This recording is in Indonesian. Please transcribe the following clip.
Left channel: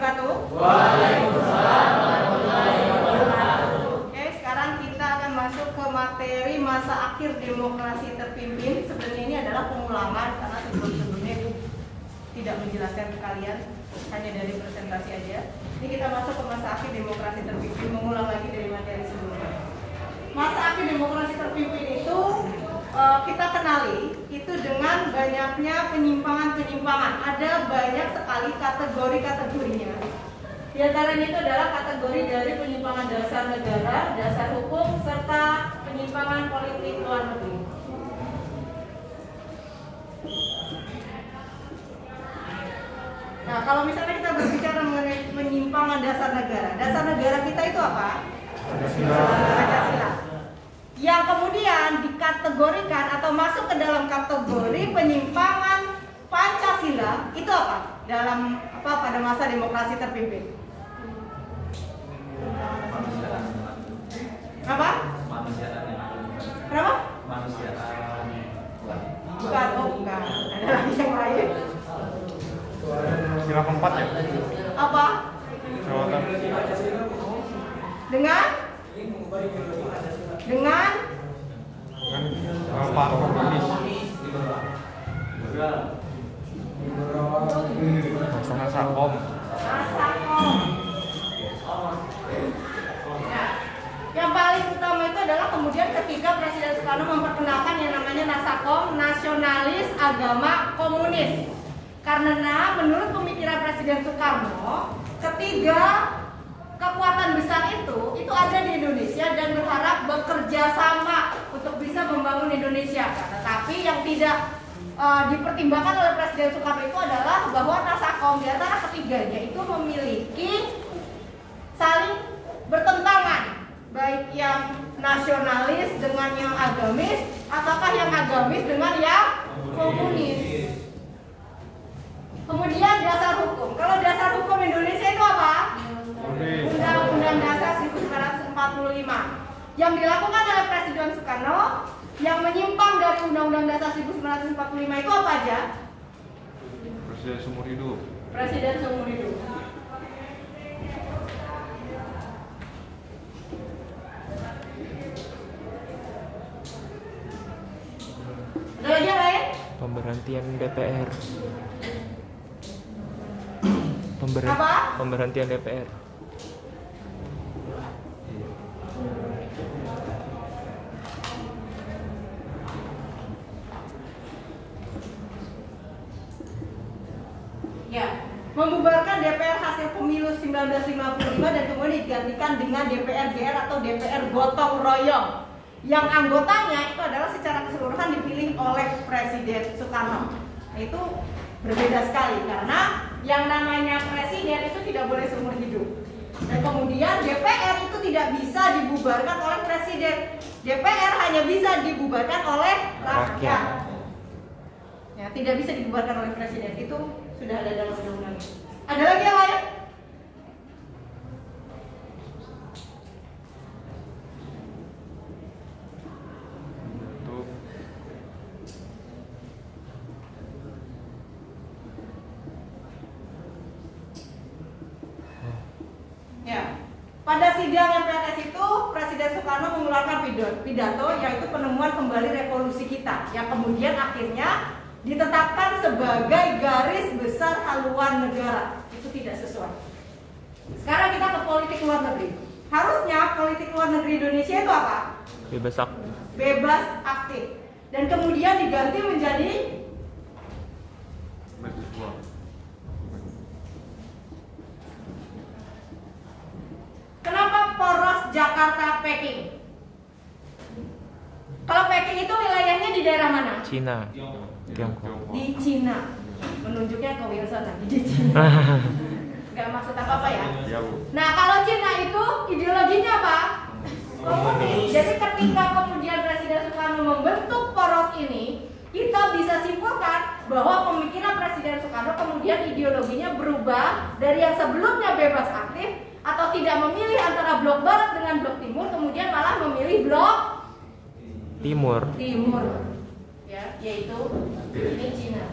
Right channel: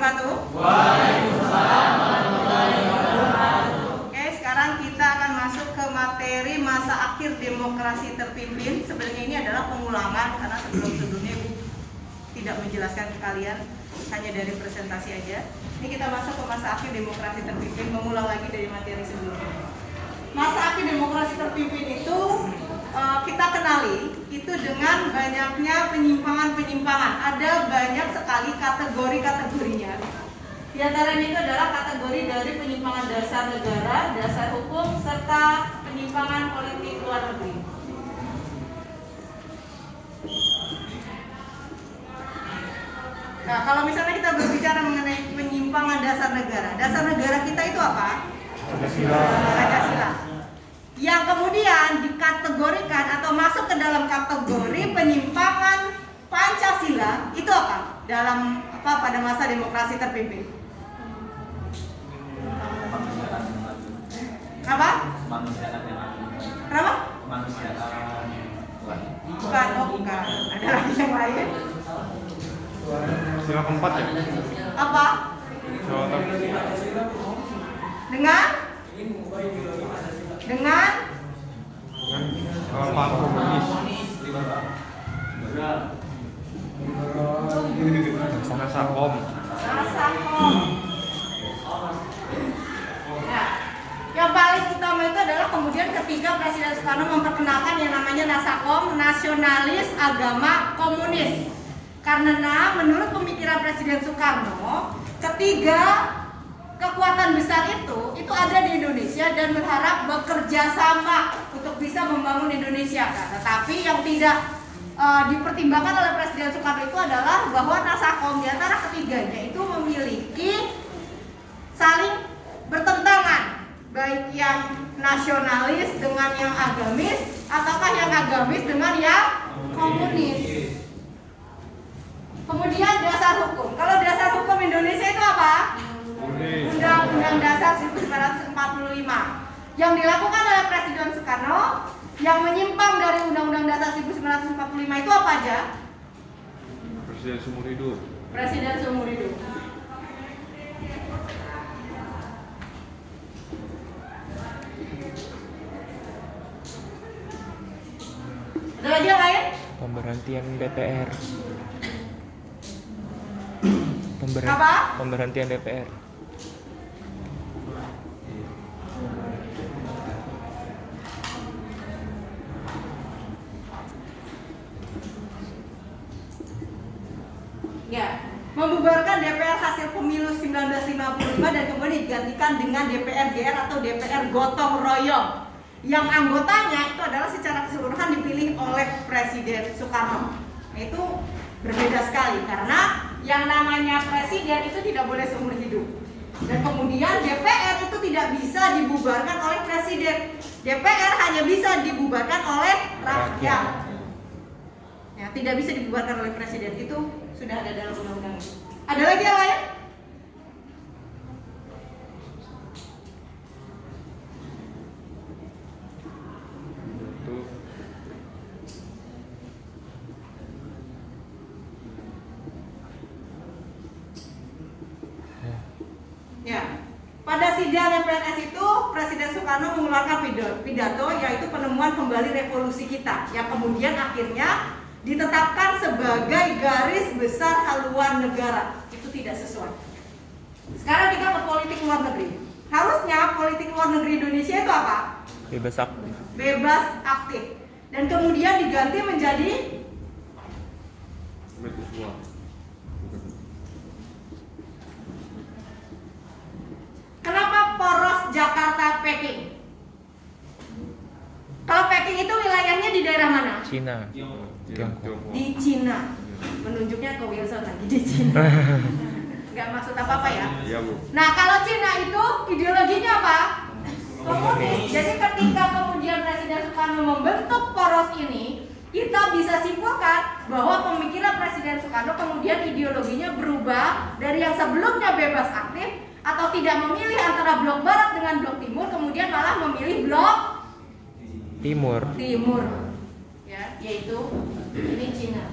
Waalaikumsalam warahmatullahi wabarakatuh. Oke, sekarang kita akan masuk ke materi masa akhir demokrasi terpimpin. Sebenarnya ini adalah pengulangan karena sebelum-sebelumnya Ibu tidak menjelaskan ke kalian, hanya dari presentasi aja. Ini kita masuk ke masa akhir demokrasi terpimpin, mengulang lagi dari materi sebelumnya. Masa akhir demokrasi terpimpin itu kita kenali itu dengan banyaknya penyimpangan-penyimpangan. Ada banyak sekali kategori-kategorinya. Di antaranya itu adalah kategori dari penyimpangan dasar negara, dasar hukum, serta penyimpangan politik luar negeri. Nah, kalau misalnya kita berbicara mengenai penyimpangan dasar negara kita itu apa? Pancasila. Yang kemudian dikategorikan atau masuk ke dalam kategori penyimpangan Pancasila itu apa? Dalam pada masa demokrasi terpimpin? Apa? Kenapa? Bukan, bukan. Ada lagi yang lain. Sila keempat ya? Apa? Dengan Pak Komunis. Nasakom. Nah, yang paling utama itu adalah kemudian ketika Presiden Soekarno memperkenalkan yang namanya Nasakom, nasionalis agama komunis. Karena menurut pemikiran Presiden Soekarno, ketiga kekuatan besar itu ada di Indonesia dan berharap bekerja sama untuk bisa membangun Indonesia. Tetapi yang tidak dipertimbangkan oleh Presiden Soekarno itu adalah bahwa Nasakom di antara ketiganya itu memiliki saling bertentangan, baik yang nasionalis dengan yang agamis ataukah yang agamis dengan yang komunis. Kemudian dasar hukum. Kalau dasar hukum Indonesia itu apa? Undang-Undang Dasar 1945 yang dilakukan oleh Presiden Soekarno, yang menyimpang dari Undang-Undang Dasar 1945 itu apa aja? Presiden seumur hidup. Presiden seumur hidup. Ada lagi yang lain? Pemberhentian DPR. Pemberhentian DPR. Ya, membubarkan DPR hasil pemilu 1955 dan kemudian digantikan dengan DPR GR atau DPR gotong royong, yang anggotanya itu adalah secara keseluruhan dipilih oleh Presiden Soekarno. Nah, itu berbeda sekali karena yang namanya presiden itu tidak boleh seumur hidup, dan kemudian DPR itu tidak bisa dibubarkan oleh presiden. DPR hanya bisa dibubarkan oleh rakyat. Ya, tidak bisa dibubarkan oleh presiden. Itu sudah ada dalam undang-undang. Ada lagi yang lain? Ya, pada sidang MPRS itu Presiden Soekarno mengeluarkan pidato yaitu penemuan kembali revolusi kita, yang kemudian akhirnya ditetapkan sebagai garis besar haluan negara. Itu tidak sesuai. Sekarang kita ke politik luar negeri. Harusnya politik luar negeri Indonesia itu apa? Bebas aktif. Bebas aktif. Dan kemudian diganti menjadi kenapa poros Jakarta Peking? Kalau Peking itu wilayahnya di daerah mana? Cina. Tiongkok. Di Cina. Menunjuknya ke Wilson lagi di Cina. Nggak maksud apa-apa ya? Iya, Bu. Nah, kalau Cina itu ideologinya apa? Komunis. Jadi ketika kemudian Presiden Soekarno membentuk poros ini, kita bisa simpulkan bahwa pemikiran Presiden Soekarno kemudian ideologinya berubah dari yang sebelumnya bebas aktif atau tidak memilih antara blok barat dengan blok timur, kemudian malah memilih blok Timur. ya, yaitu ini Cina.